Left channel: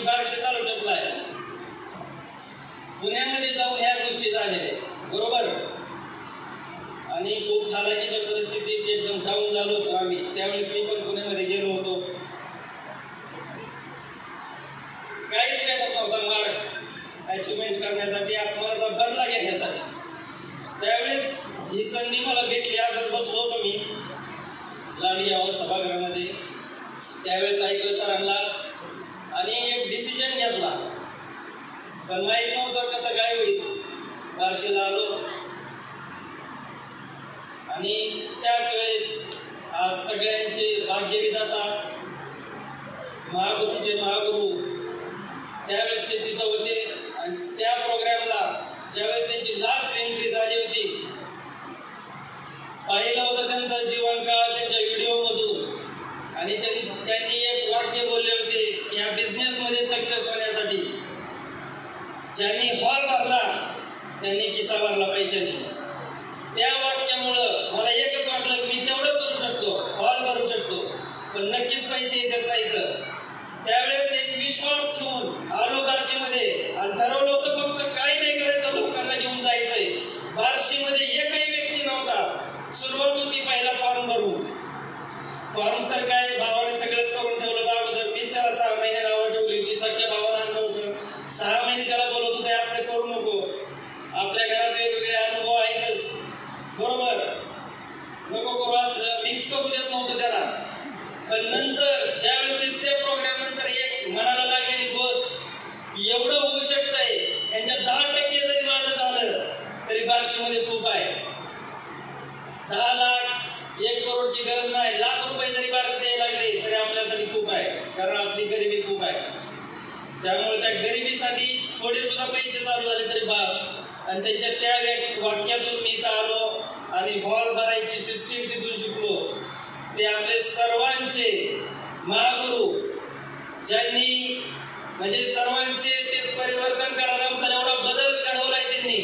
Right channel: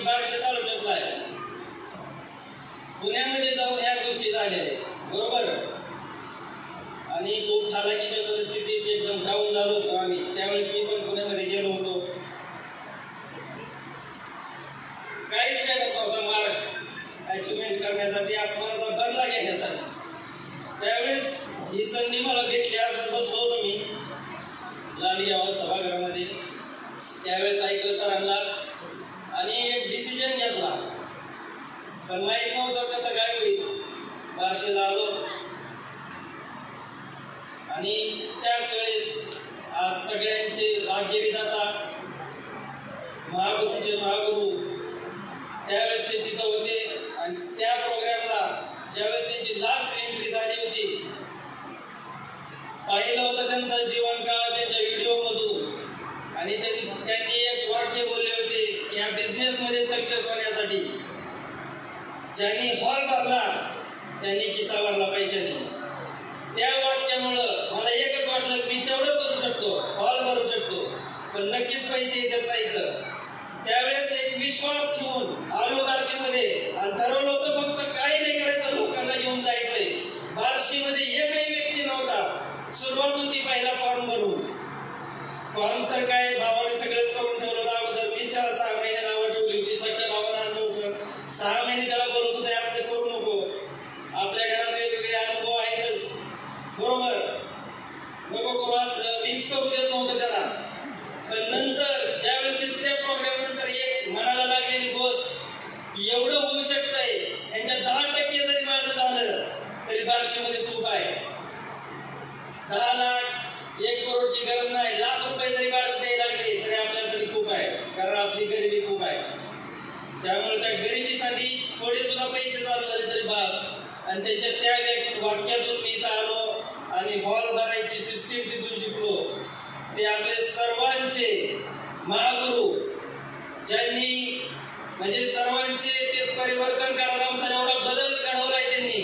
मी बार्शी तालुक्यातला आहे. पुण्यामध्ये जाऊन ह्या गोष्टी झालेल्या बरोबर. आणि खूप हालाकीच्या परिस्थितीत एकदम डाऊन झालो होतो आम्ही. त्यावेळेस मी पण पुण्यामध्ये गेलो होतो. काहीच भेटत नव्हता मार्ग अचिव्हमेंट करण्यासाठी, आत्महत्याचा बदला घेण्यासाठी. त्यावेळेस ही संधी मला भेटली. असंच बसलो होतो मी लांडी आवाज सभागृहामध्ये. त्यावेळेस ऐकलं सरांना आणि एक डिसिजन घेतला, पण माहीत नव्हतं कसं काय होईल. बार्शीला आलो आणि त्याच वेळेस आज सगळ्यांचे भाग्यविधाता महागुरूंचे महागुरू त्यावेळेस ते तिथं होते. आणि त्या प्रोग्रामला ज्यावेळेस त्यांची लास्ट एंट्री झाली होती, पाहिलं होतं त्यांचा जीवनकाळ त्यांच्या व्हिडिओमधून. आणि त्यांनी एक वाक्य बोलले होते की या बिझनेसमध्ये सक्सेस होण्यासाठी ज्यांनी हॉल भरला त्यांनी किस्सा भरला पैशाने. त्या वाक्यामुळं मला एकच वाटलं की मी तेवढं करू शकतो, हॉल भरू शकतो, पण नक्कीच पैसे येतात नाही. तर त्यावेळेस एक विश्वास ठेवून आलो बार्शीमध्ये आणि ठरवलं होतं फक्त काही नाही करायचं, लोकांना घेऊन जायचंय. बार्शीमध्ये एकही व्यक्ती नव्हता. सुरुवात होती पहिला फॉर्म भरून. फॉर्म तर काय भावाने सगळंच करून ठेवलं होतं अगोदर. मीच त्याला 6 महिने नावं ठेवली होती. सध्या भावानं आणलं होतं. 6 महिने त्याला बोलत होते असं करू नको. आपल्या घरात वेगवेगळे अनुभव आहेतच बरोबर, नको करू असलं. मीच करू देत नव्हतं त्याला. पण नंतर ज्यावेळेस त्या प्रोग्राम नंतर एक मनाला लागलेली गोष्ट, एवढं होऊ शकतंय, यांच्या 10% जरी माझं झालं तरी बार्शीमध्ये खूप आहे. 10 लाख 1 करोडची गरज नाही. लाख रुपये जरी बार्शी द्यायला लागले तरी आपल्यासाठी खूप आहे, कारण आपली गरिबी खूप आहे. त्यामुळे त्या गरिबीसाठी थोडे सुद्धा पैसे चालू झाले तरी बास. आणि त्यांच्या त्या वाक्यातून मी इथं आलो आणि हॉल भरायची सिस्टीम तिथून शिकलो. ते आपले सर्वांचे महागुरू ज्यांनी म्हणजे सर्वांचे ते परिवर्तन करायला आमचा एवढा बदल घडवलाय त्यांनी.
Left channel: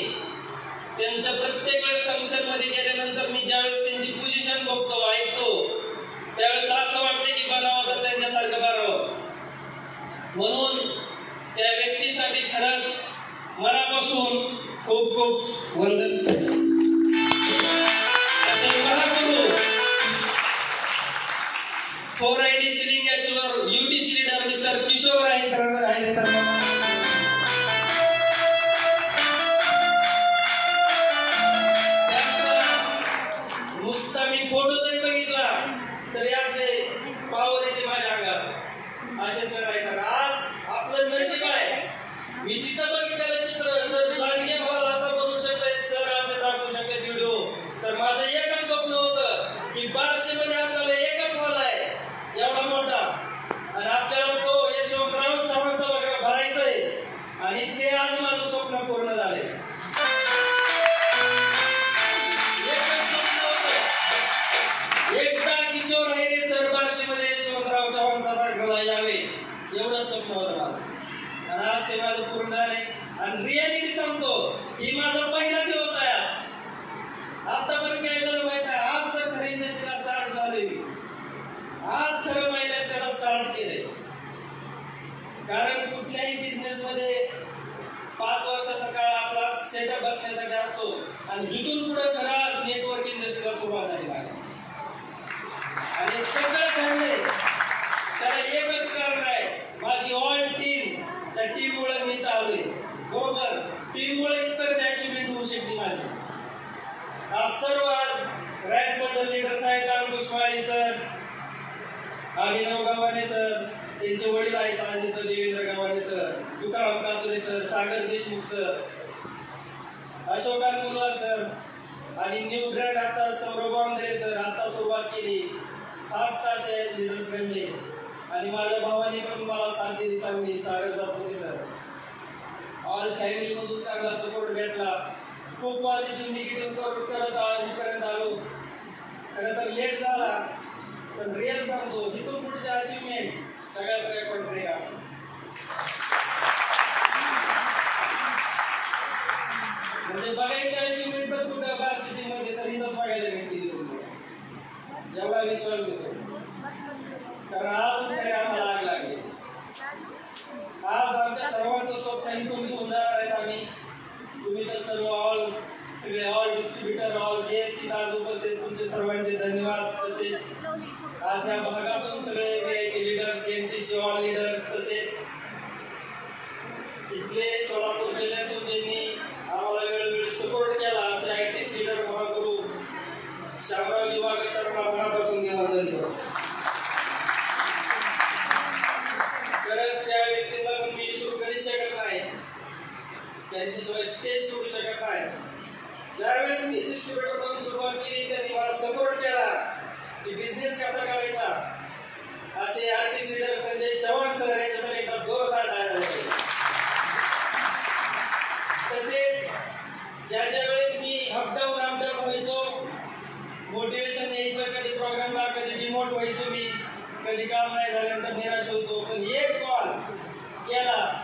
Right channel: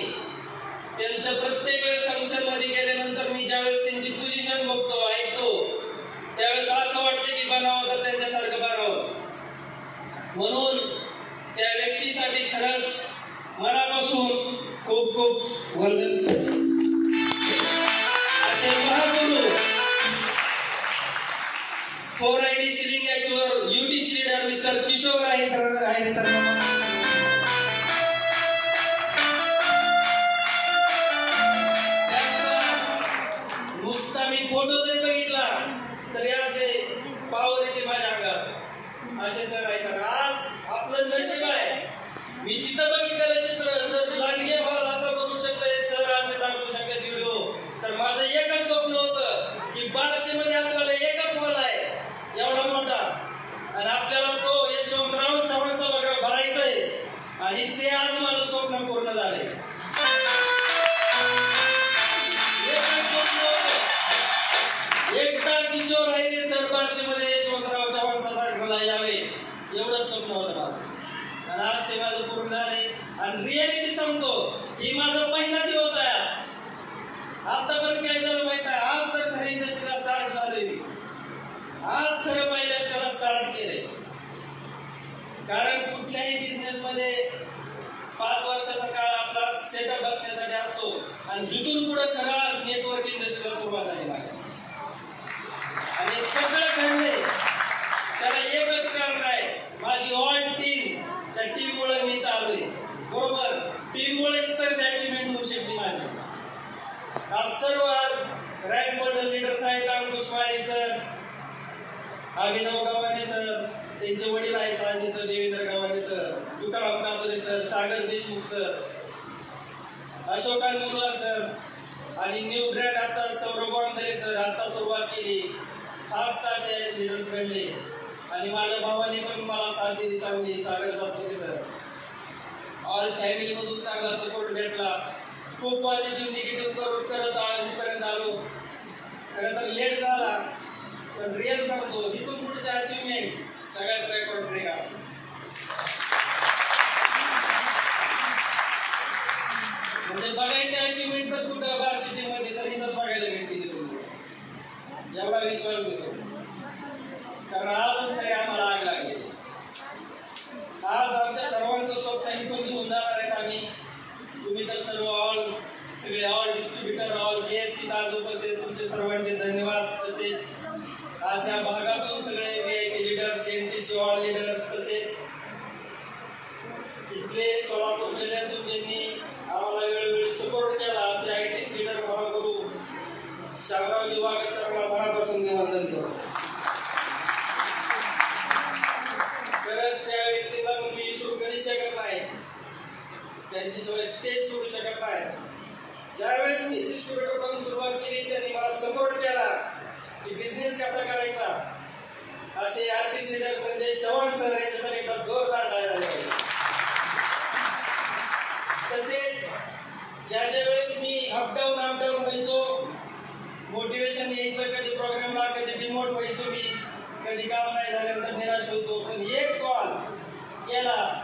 त्यांचं प्रत्येक वेळेस फंक्शनमध्ये गेल्यानंतर मी ज्यावेळेस त्यांची पोझिशन बघतो ऐकतो त्यावेळेस असं वाटतं की बनावं तर त्यांच्यासारखं बनावं. म्हणून त्या व्यक्तीसाठी खरंच मनापासून खूप खूप वंदन. असे महागुरू 4ID सिलिंग याच्यावर UTC लीडर मिस्टर किशोर आहे सर आहे सर. नुसता मी फोटो जरी बघितला तरी असे पावर येते माझ्या अंगात. असे सर आहेत. आज आपलं नशीब आहे मी तिथं बघितलेलं चित्र जर लांडगे हॉल असं बनवू शकतोय, सर असे दाखवू शकतात व्हिडिओ, तर माझं एकच स्वप्न होतं की बार्शीमध्ये आपल्याला एकच हॉल आहे एवढा मोठा आणि आपल्याला तो यशवंतराव चव्हाण सभागृह भरायचा आहे. आणि ते आज माझं स्वप्न पूर्ण झाले. एकदा किशोर आहे सर बार्शीमध्ये यशवंतराव चव्हाण सभागृहाला यावे एवढं स्वप्न होतं माझं. आणि आज ते माझं पूर्ण झाले. आणि रियालिटी सांगतो ही माझा पहिला दिवस आहे. आतापर्यंत काय झालं माहिती आहे, आज तर खरी इंडस्ट्रीला स्टार्ट झाले. आज खरं पहिल्याच त्याला स्टार्ट केले. कारण कुठल्याही बिझनेसमध्ये 5 वर्षाचा काळ आपला सेटअप बसण्यासाठी असतो आणि इथून पुढे खरं आज नेटवर्क इंडस्ट्रीला सुरुवात झाली आहे. आणि सगळं घडले त्याला एकच कारण आहे, माझी ऑल टीम. त्या टीममुळे मी इथं आलोय बरोबर. टीममुळे इतर अचिव्हमेंट होऊ शकली माझी. आज सर्व आज रँक होल्डर लीडर्स आहेत. अंकुश माळी सर, अभिनव गव्हाणे सर, त्यांचे वडील आहेत आज इथं देवेंद्र गव्हाणे सर, तुकाराम कातोरे सर, सागर देशमुख सर, अशोकान मुलवार सर आणि न्यू ब्रँड आता सौरभ वांदरे सर आता सुरुवात केली. फास्ट असे लीडर्स घडले. आणि माझ्या भावाने पण मला साथ दिली चांगली, सागर सापकोते सर. ऑल फॅमिलीमधून चांगला सपोर्ट भेटला. खूप पॉझिटिव्ह निगेटिव्ह करत इथपर्यंत आलो. खरं तर लेट झाला पण रिअल सांगतो इथून पुढच्या अचिव्हमेंट सगळ्यात रेकॉर्ड ब्रेक असतो. म्हणजे बघायचे अचिव्हमेंट तर कुठं बार्शीमध्ये तर इथंच बघायला भेटते. एवढा विश्वास घेतो कारण आजच तरी आम्हाला आग लागली. आज उपस्थित तुमचे सर्वांचे धन्यवाद. तसेच आज या भागातून सगळे VIP leaders, MTC all leaders, तसेच इथले सोलापूर जिल्ह्यातून ज्यांनी आम्हाला वेळोवेळी सपोर्ट केला असे ITC लीडर महागुरु शामरावजी वाघ सरांना मनापासून मी वंदन करतो. खरंच त्या व्यक्तीला पण मी विसरू कधी शकत नाही, त्यांच्याशिवाय स्टेज सोडू शकत नाही. ज्यावेळेस मी डिस्ट्रीब्युटर म्हणून सुरुवात केली त्यांनी मला सपोर्ट केला की बिझनेस कसा करायचा. असे artist leader Sanjay Chavan sir यांच्यासाठी एकदा जोरदार टाळ्या झाल्या पाहिजे. तसेच ज्या वेळेस मी अपडाऊन व्हायचो, मोटिवेशन यायचं, कधी प्रोग्रामला कधी डिमोट व्हायचो, मी कधी काम नाही झाल्यानंतर निराश व्हायचो, पण एक कॉल केला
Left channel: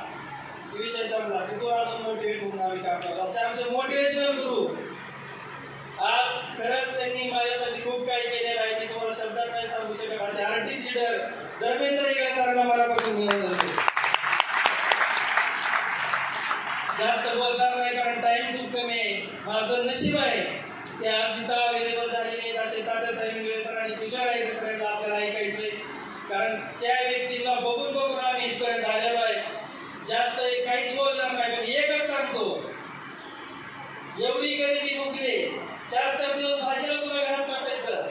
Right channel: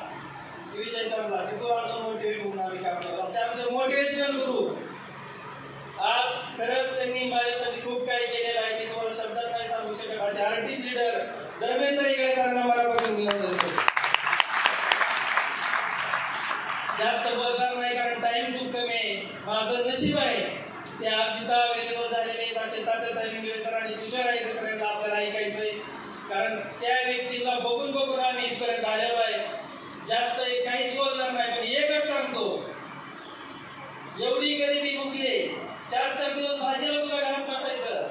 विषय संपला की तो अजून मोटिवेट होऊन आम्ही काम करतो. असे आमचे मोटिवेशनल गुरु आज खरंच त्यांनी माझ्यासाठी खूप काही केलेलं आहे. मी तुम्हाला शब्दात नाही सांगू शकत. असे आर्टिस्ट लीडर धर्मेंद्र इकडे सरांना मनापासून निवेदन करतो. जास्त बोलणार नाही कारण टाइम खूप कमी आहे. माझं नशीब आहे ते आज इथं अवेलेबल झालेले आहेत. असे तात्यासाहेब इंगळे सर आणि किशोर आईरे सरांना आपल्याला ऐकायचंय, कारण त्या व्यक्तीला बघून आम्ही इथपर्यंत आलेलो आहे. जास्त काहीच बोलणार नाही, पण एकच सांगतो, एवढी गरिबी मुकली, 4-4 दिवस भाजीला सुद्धा घरात नसायचं,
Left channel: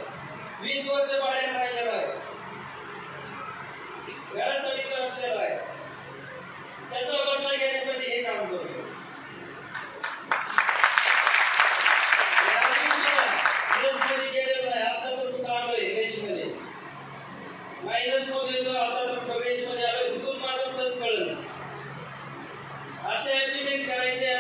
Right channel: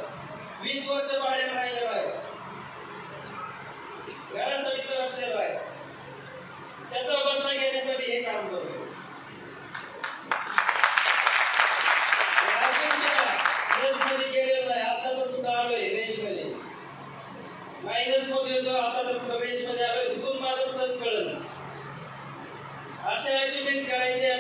20 वर्ष भाड्याने राहिलेलं आहे, घरासाठी तर असलेलं आहे, त्याचा बदला घेण्यासाठी हे काम करतो. रेसमध्ये गेलेलो नाही, आता तर कुठं आलोय रेसमध्ये, मायनस मध्ये होतो, आता तर कुठं रेसमध्ये आलोय. तिथून माझं प्लस कळलं. असे अचिव्हमेंट करायचे